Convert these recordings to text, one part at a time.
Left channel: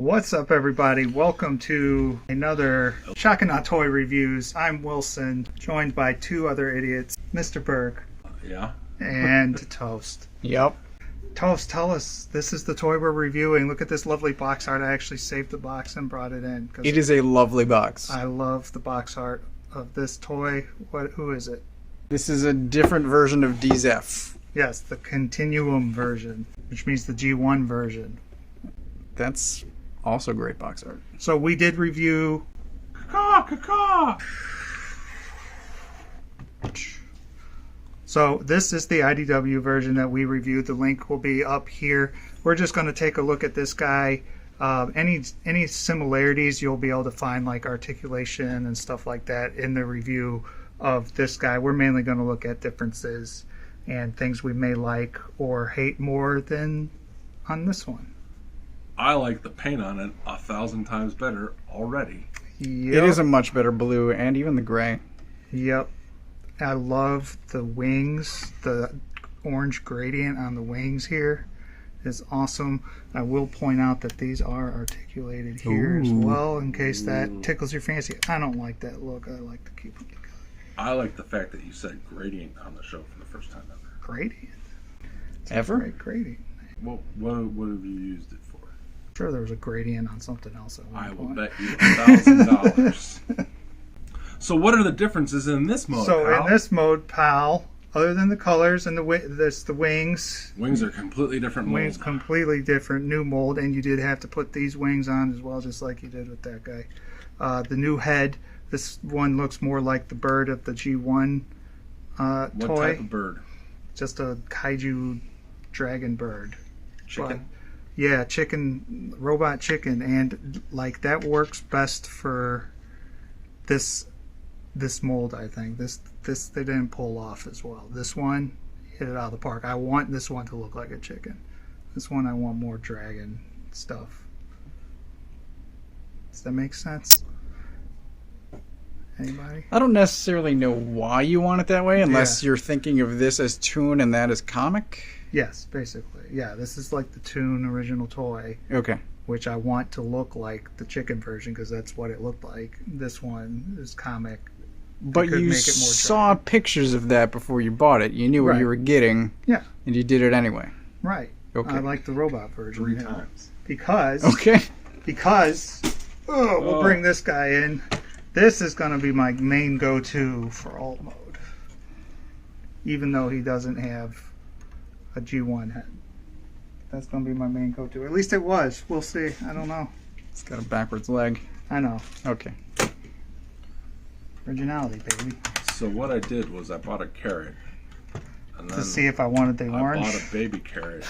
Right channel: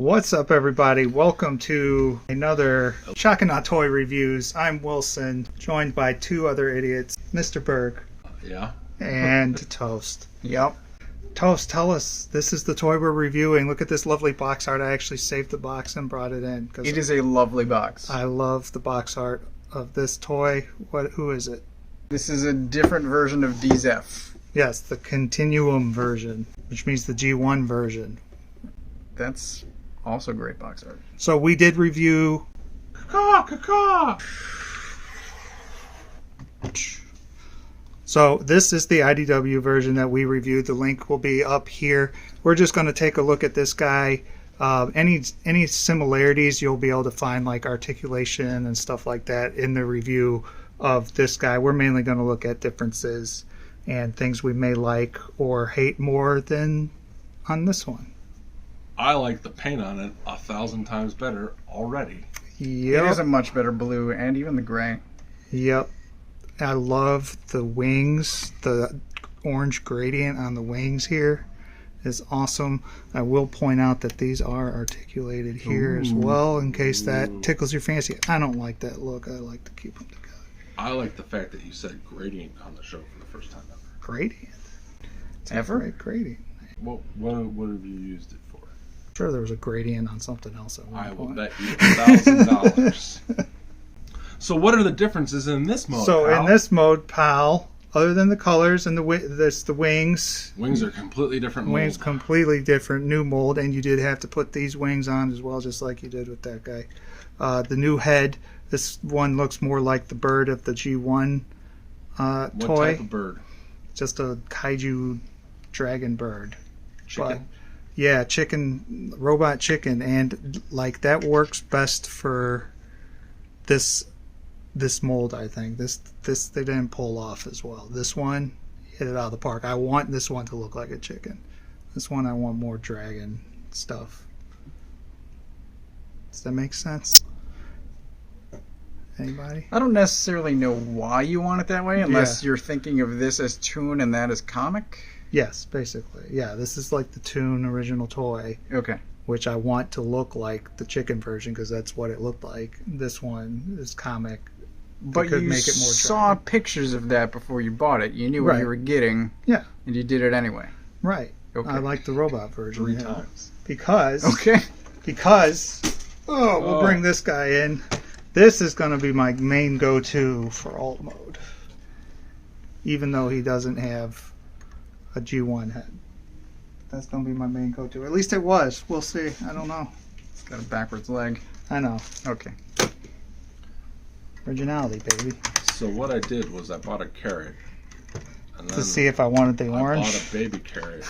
What's up, everybody? Welcome to another Shock and Awe Toy Reviews. I'm Wilson, joined by two other idiots, Mr. Berg. Yeah. And Toast. Yep. Toast, tell us, this is the toy we're reviewing. Look at this lovely box art. I actually saved the box and brought it in. It is a lovely box. I love the box art of this toy. Who is it? This is a different version of D-Zef. Yes, the Continuum version, which means the G1 version. That's also great box art. So we did review... So this is the IDW version that we reviewed. The link will be up here. We're just going to take a look at this guy. Any similarities you'll be able to find, like articulation and stuff like that, in the review of this guy. We're mainly going to look at differences and things we may like or hate more than on this one. I like the paint on it 1,000 times better already. Yep. It is a much better blue, and even the gray. Yep. I love the wings. The orange gradient on the wings here is awesome. I will point out that these are articulated here as well, in case that tickles your fancy. I don't like that look. I like to keep them together. I like the fact that you said gradient on the show for the first time ever. Gradient? It's Ever? a great gradient. What have you used it for? Sure, there was a gradient on something else at one I will point. bet you $1,000. So what are the differences in this mode, So pal? in this mode, pal, other than the colors and the wings, Wings are completely different mold. wings completely different, new mold, and you did have to put these wings on as well, just like you did with that guy. The new head, this one looks more like the bird of the G1 What toy. type of bird? Just a kaiju dragon bird. Chicken? Yeah, chicken, robot chicken, and like that works best for this mold. I think this they didn't pull off as well. This one hit it out of the park. I want this one to look like a chicken. This one I want more dragon stuff. Does that make sense? Anybody? I don't necessarily know why you want it that way, unless you're thinking of this as toon and that as comic. Yes, basically. Yeah, this is like the Toon original toy, Okay. which I want to look like the chicken version because that's what it looked like. This one is comic. But could you make it more saw pictures of that before you bought it. You knew what Right. you were getting. Yeah. And you did it anyway. Right. Okay. I like the robot version. 3 yeah. times. Because Okay. we'll bring this guy in. This is going to be my main go-to for alt mode. Even though he doesn't have a G1 head. That's going to be my main go-to. At least it was. We'll see. I don't know. It's got a backwards leg. I know. Okay. Originality, baby. So what I did was I bought a carrot. And To then see if I wanted the I orange. bought a baby carrot.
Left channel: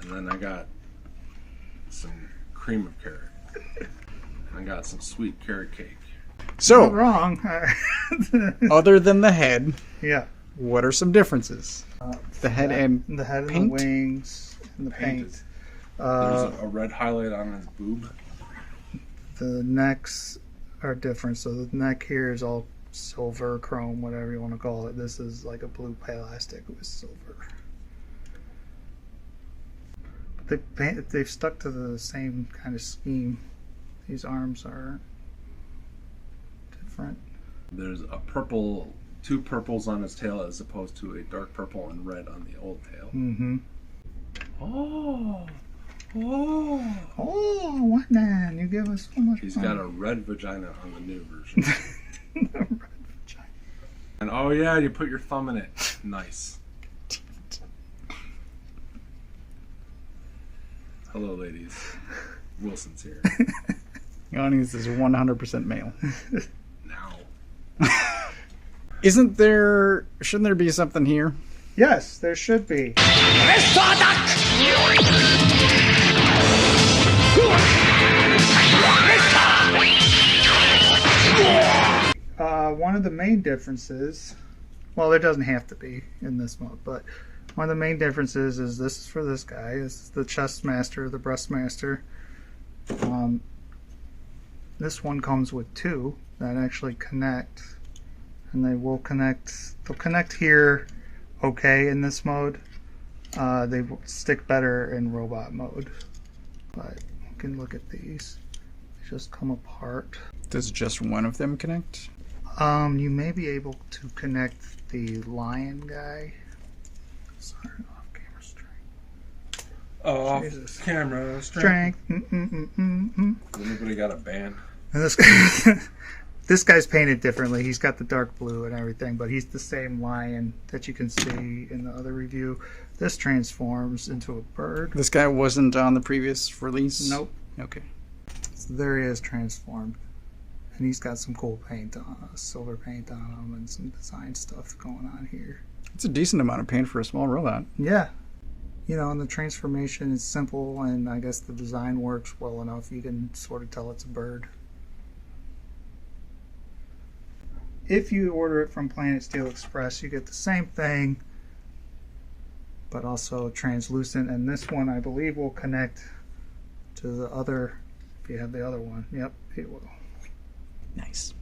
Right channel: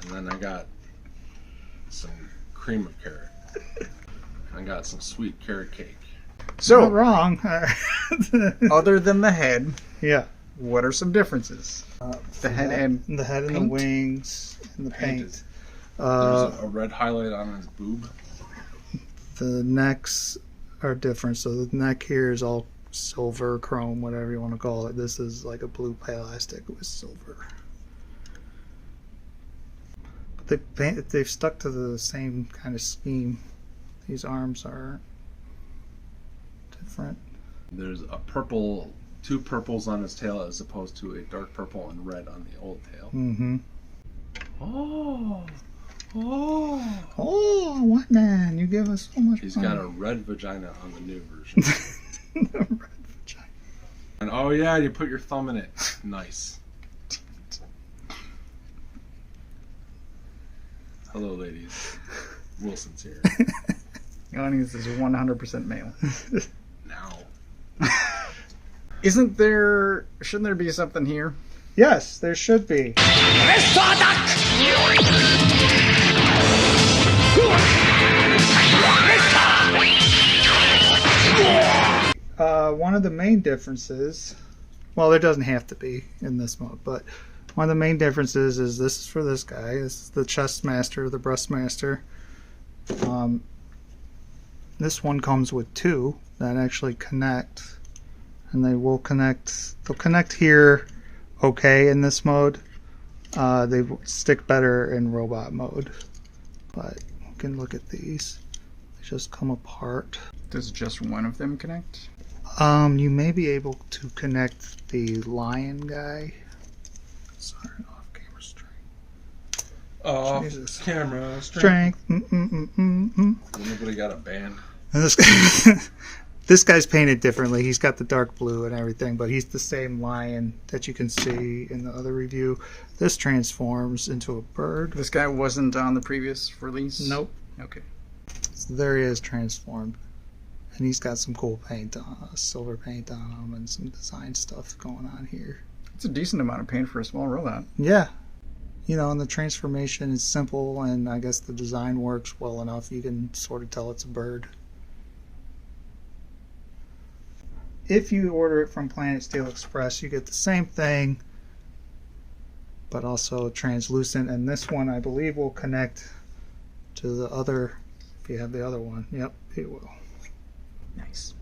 And then I got some cream of carrot. And I got some sweet carrot cake. Not So, wrong. other than the head, Yeah. what are some differences? The head and the head and paint? the wings and the Painted. paint. There's a red highlight on his boob. The necks are different. So the neck here is all silver, chrome, whatever you want to call it. This is like a blue plastic with silver. But they've stuck to the same kind of scheme. These arms are different. There's a two purples on his tail as opposed to a dark purple and red on the old tail. Mm-hmm. Oh, Oh, what man? You give us so much. he's money. got a red vagina on the new version. The red vagina. And oh yeah, you put your thumb in it. Nice. Hello, ladies. Wilson's here the audience is 100% male. now. Shouldn't there be something here? Yes, there should be. One of the main differences, well, there doesn't have to be in this mode, but one of the main differences is this is for this guy. This is the chest master, the breast master. This one comes with two that actually connect, and they'll connect here okay in this mode. They stick better in robot mode, but can look at these. They just come apart. Does just one of them connect? You may be able to connect the lion guy. Sorry, off camera strength. Off Jesus. camera Strength. Anybody got a band? And this this guy's painted differently. He's got the dark blue and everything, but he's the same lion that you can see in the other review. This transforms into a bird. This guy wasn't on the previous release? Nope. Okay. So there he is transformed. And he's got some cool paint on, silver paint on him, and some design stuff going on here. It's a decent amount of paint for a small robot. Yeah. You know, and the transformation is simple, and I guess the design works well enough. You can sort of tell it's a bird. If you order it from Planet Steel Express, you get the same thing, but also translucent. And this one, I believe, will connect to the other, if you have the other one. Yep, it will. Nice.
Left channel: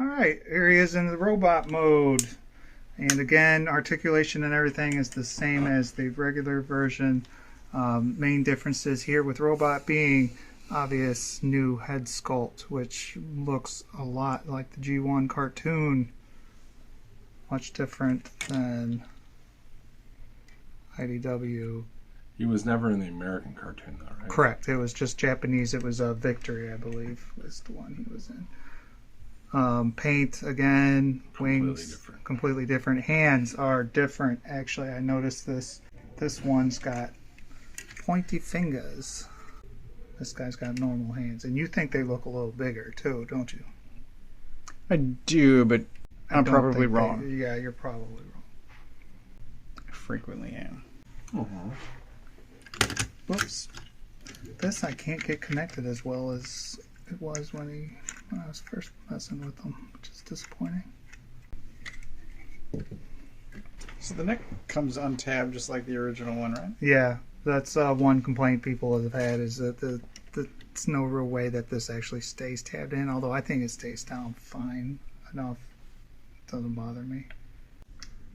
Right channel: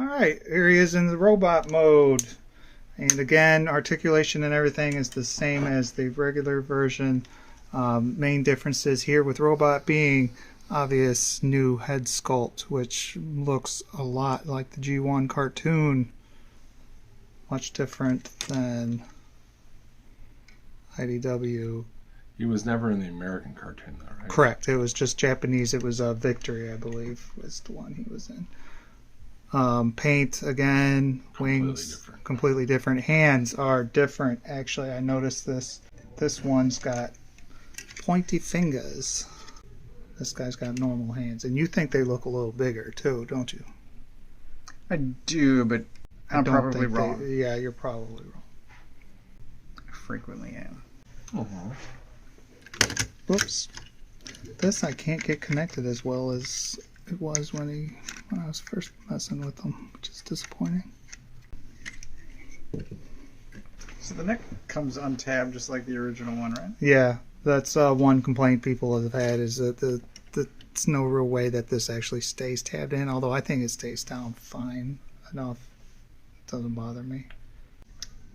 Alright, here he is in the robot mode. And again, articulation and everything is the same as the regular version. Main differences here with robot being obvious new head sculpt, which looks a lot like the G1 cartoon. Much different than IDW. He was never in the American cartoon, though, right? Correct. It was just Japanese. It was Victory, I believe, was the one he was in. Paint, again, wings, completely different. Hands are different. Actually, I noticed this. This one's got pointy fingers. This guy's got normal hands. And you think they look a little bigger, too, don't you? I do, but I'm probably wrong. Yeah, you're probably wrong. I frequently am. Whoops. This I can't get connected as well as it was when I was first messing with them, which is disappointing. So the neck comes untabbed just like the original one, right? Yeah, that's one complaint people have had, is that there's no real way that this actually stays tabbed in, although I think it stays down fine enough. It doesn't bother me.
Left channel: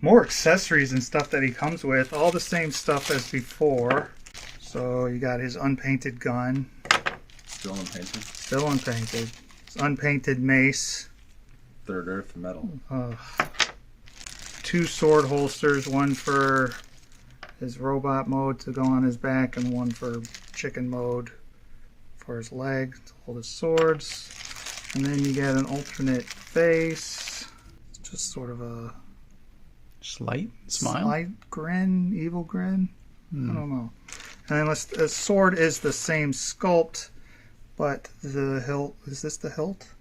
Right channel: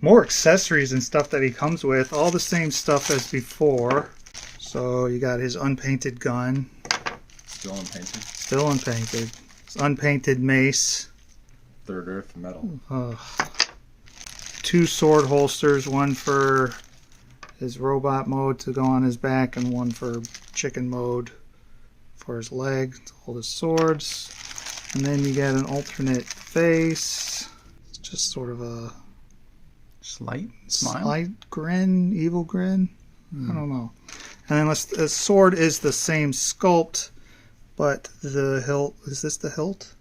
More accessories and stuff that he comes with, all the same stuff as before. So you got his unpainted gun. Still unpainted? Still unpainted. His unpainted mace. Third Earth metal. 2 sword holsters, one for his robot mode to go on his back, and one for chicken mode for his leg to hold his swords. And then you get an alternate face. It's just sort of a slight smile? Slight grin, evil grin. I don't know. And then the sword is the same sculpt, but the hilt, is this the hilt?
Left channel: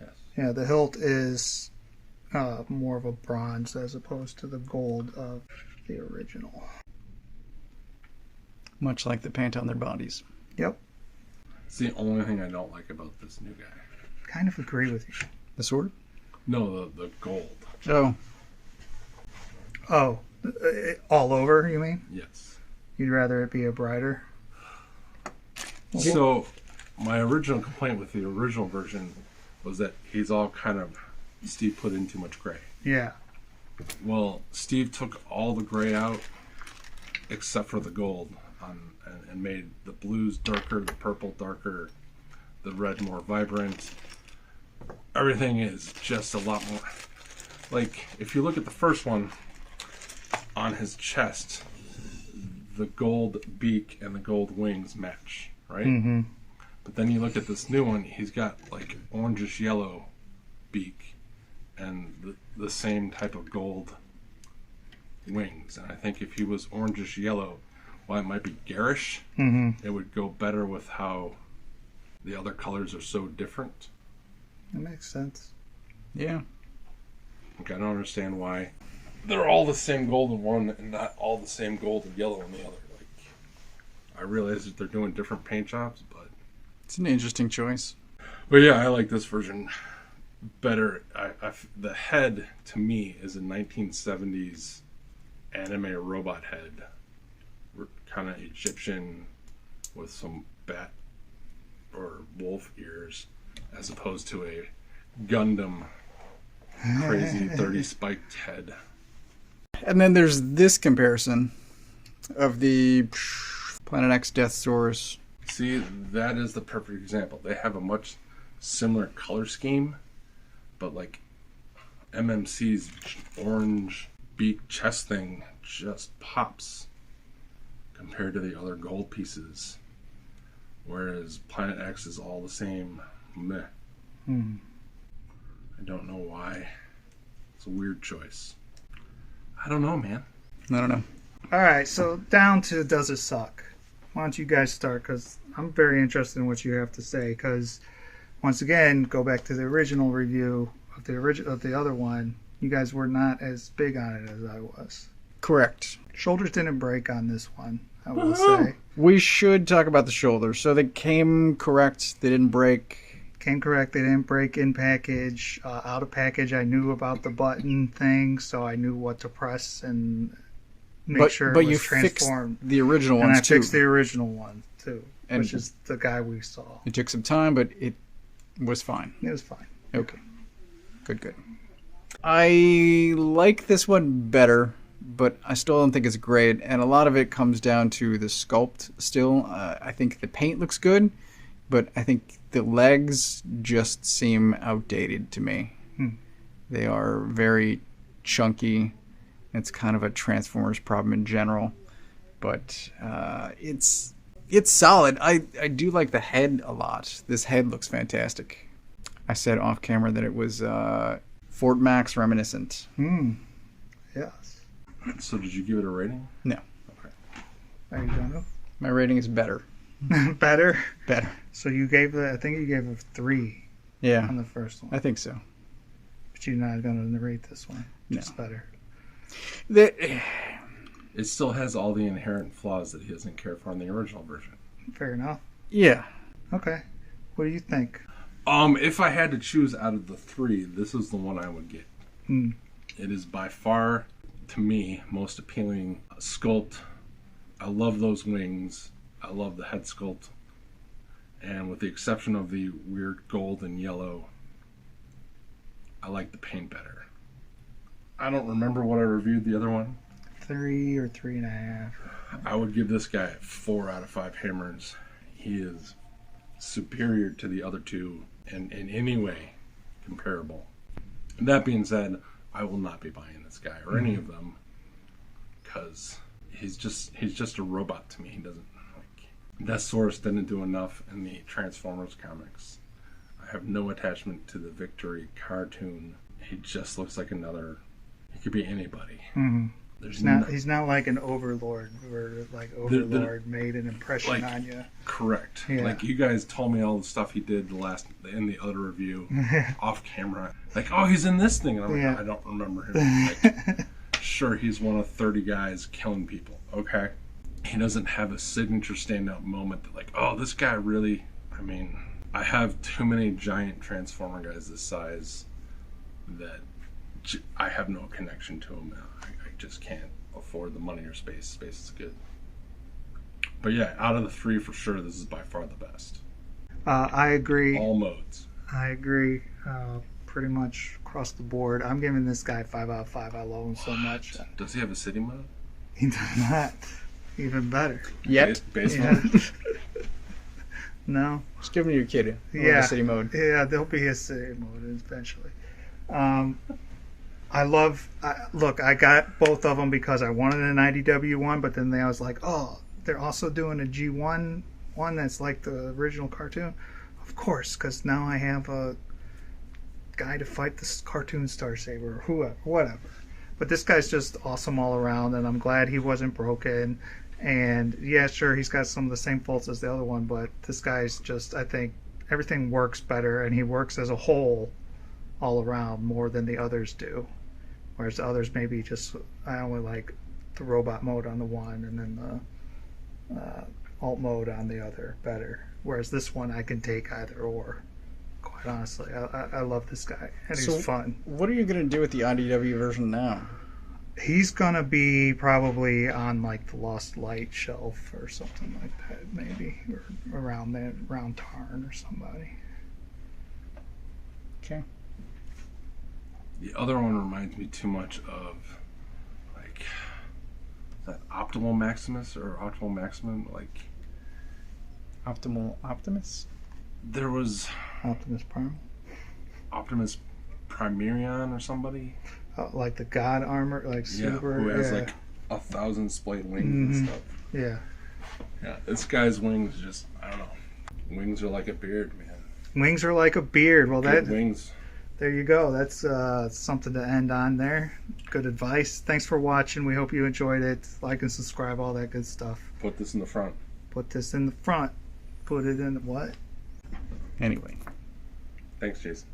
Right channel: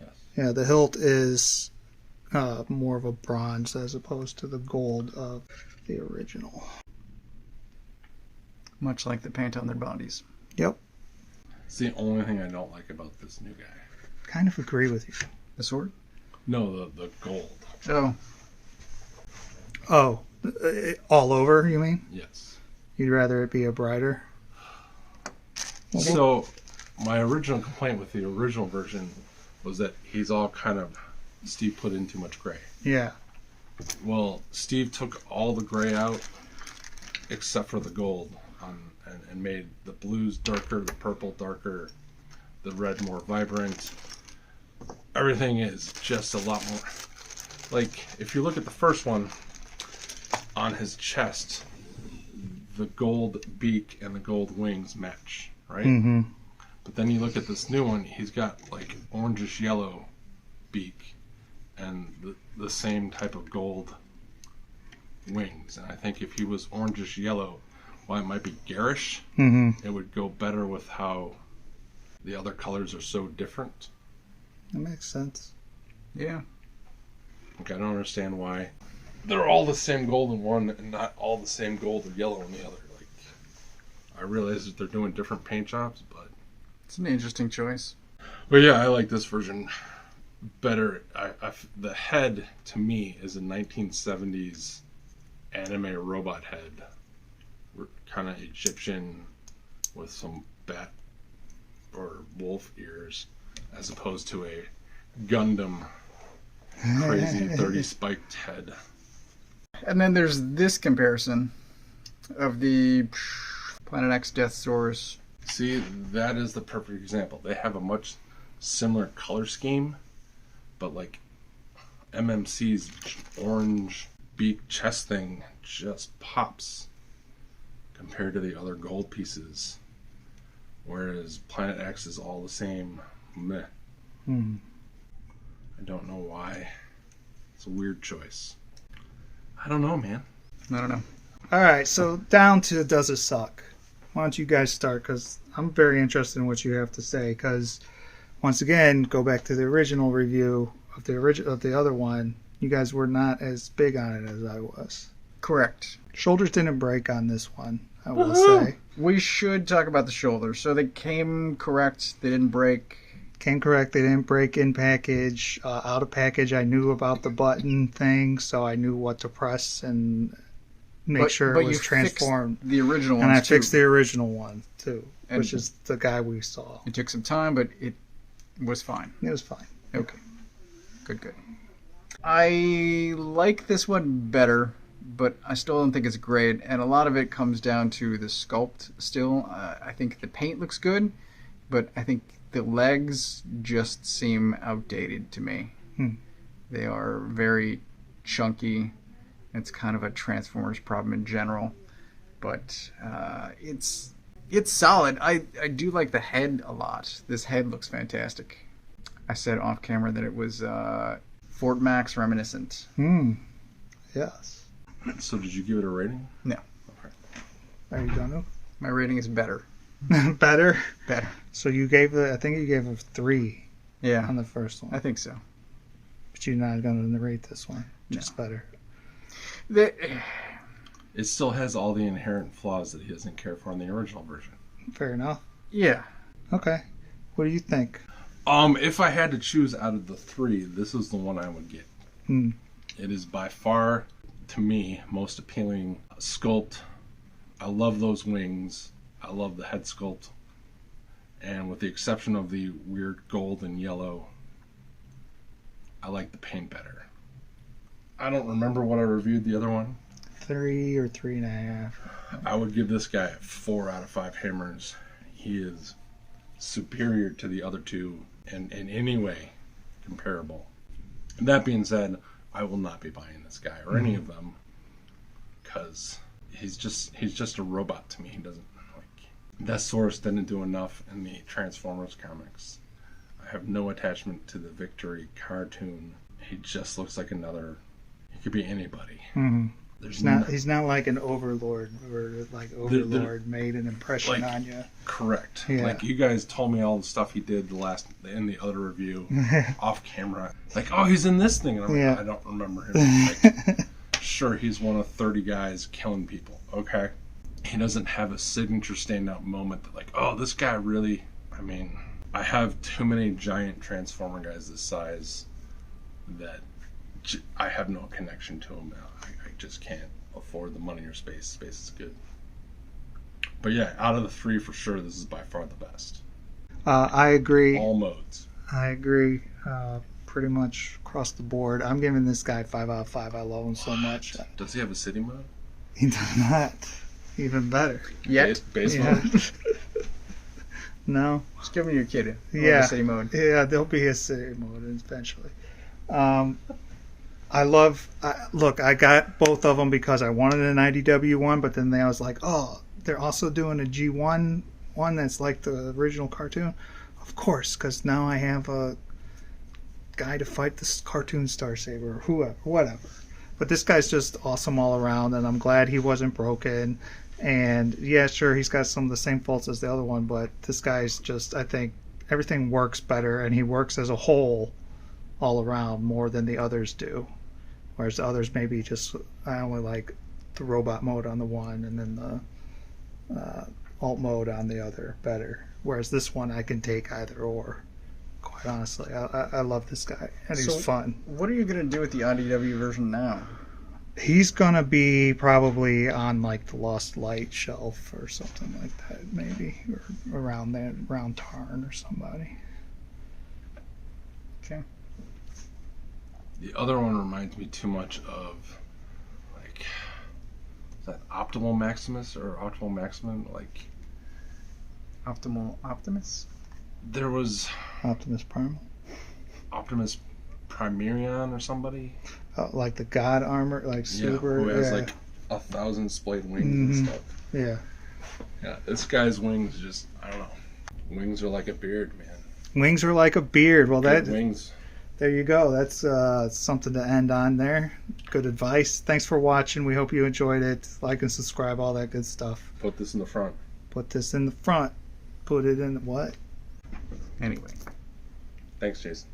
Yes. Yeah, the hilt is more of a bronze as opposed to the gold of the original. Much like the paint on their bodies. Yep. It's the only thing I don't like about this new guy. Kind of agree with you. The sword? No, the gold. Oh. All over, you mean? Yes. You'd rather it be a brighter? So, my original complaint with the original version was that he's all kind of, Steve put in too much gray. Yeah. Well, Steve took all the gray out except for the gold and made the blues darker, the purple darker, the red more vibrant. Everything is just a lot more... Like, if you look at the first one, on his chest, the gold beak and the gold wings match, right? Mm-hmm. But then you look at this new one, he's got like orangish yellow beak and the same type of gold wings. And I think if he was orangish yellow, while it might be garish, it would go better with how the other colors are so different. That makes sense. Yeah. Like, I don't understand why they're all the same gold in one and not all the same gold and yellow in the other. Like, I realize that they're doing different paint jobs, but it's an interesting choice. But yeah, I like this version better. The head, to me, is a 1970s anime robot head. Kind of Egyptian with some bat or wolf ears, as opposed to a Gundam crazy 30 spiked head. And then there's this comparison of the Planet X Deathsaurus. See, that is the perfect example. They have a much similar color scheme, but like MMC's orange beak chest thing just pops compared to the other gold pieces, whereas Planet X is all the same. Meh. I don't know why. It's a weird choice. I don't know, man. I don't know. All right, so down to does it suck? Why don't you guys start? Because I'm very interested in what you have to say. Because once again, go back to the original review of the other one. You guys were not as big on it as I was. Correct. Shoulders didn't break on this one, I will say. We should talk about the shoulders. So they came correct. They didn't break. Came correct. They didn't break in package. Out of package, I knew about the button thing, so I knew what to press and make sure it was transformed. The original one. And I fixed the original one too, And which is the guy we saw. It took some time, but it was fine. It was fine. Okay. Good. I like this one better, but I still don't think it's great. And a lot of it comes down to the sculpt still. I think the paint looks good, but I think the legs just seem outdated to me. They are very chunky. It's kind of a Transformers problem in general. But it's solid. I do like the head a lot. This head looks fantastic. I said off camera that it was Fort Max reminiscent. Yes. So did you give it a rating? No. Okay. Are you done? My rating is better. Better? Better. So you gave I think you gave it 3 Yeah. on the first one. I think so. But you're not going to narrate this one. Just better. It still has all the inherent flaws that he doesn't care for in the original version. Fair enough. Yeah. Okay. What do you think? If I had to choose out of the 3, this is the one I would get. It is by far, to me, most appealing sculpt. I love those wings. I love the head sculpt. And with the exception of the weird gold and yellow, I like the paint better. I don't remember what I reviewed the other one. 3 or 3.5. I would give this guy 4 out of 5 hammers. He is superior to the other two and in any way comparable. And that being said, I will not be buying this guy or any of them because he's just a robot to me. He doesn't like Deathsaurus didn't do enough in the Transformers comics. I have no attachment to the Victory cartoon. He just looks like another. He could be anybody. He's not like an Overlord or like Overlord made an impression on you. Correct. Yeah. Like you guys told me all the stuff he did in the other review off camera. Like, oh, he's in this thing. And I'm like, I don't remember him. Like, sure, he's one of 30 guys killing people. Okay. He doesn't have a signature standout moment that like, oh, this guy really. I mean, I have too many giant Transformer guys this size that I have no connection to him now. I just can't afford the money or space. Space is good. But yeah, out of the 3 for sure, this is by far the best. I agree. All modes. I agree pretty much across the board. I'm giving this guy 5 out of 5. I love him so much. Does he have a city mode? He does not. Even better. Yet. Base mode? No. Just give him to your kid. City mode. Yeah, there'll be a city mode eventually. I got both of them because I wanted an IDW one, but then I was like, oh, they're also doing a G1 one that's like the original cartoon. Of course, because now I have a guy to fight this cartoon Star Saber, whoever, whatever. But this guy's just awesome all around, and I'm glad he wasn't broken. And yeah, sure, he's got some of the same faults as the other one, but this guy's just, I think, everything works better, and he works as a whole all around more than the others do. Whereas the others maybe just, I only like the robot mode on the one and then the alt mode on the other better. Whereas this one I can take either or. Quite honestly, I love this guy, and he's fun. What are you going to do with the IDW version now? He's gonna be probably on like the Lost Light shelf or something like that, maybe, or around Tarn or somebody. Okay. The other one reminds me too much of, like, is that Optimal Maximus or Optimal Maximum? Like, Optimal Optimus? there was Optimus Prime. Optimus Primerion or somebody. Like the God armor, like super. Who has yeah. like 1,000 splayed wings and stuff. Yeah. Yeah, this guy's wings just, I don't know. Wings are like a beard, man. Wings are like a beard. Well, Good that wings. there you go. That's something to end on there. Good advice. Thanks for watching. We hope you enjoyed it. Like and subscribe, all that good stuff. Put this in the front. Put this in the front. Put it in what? Anyway. Thanks, Jason.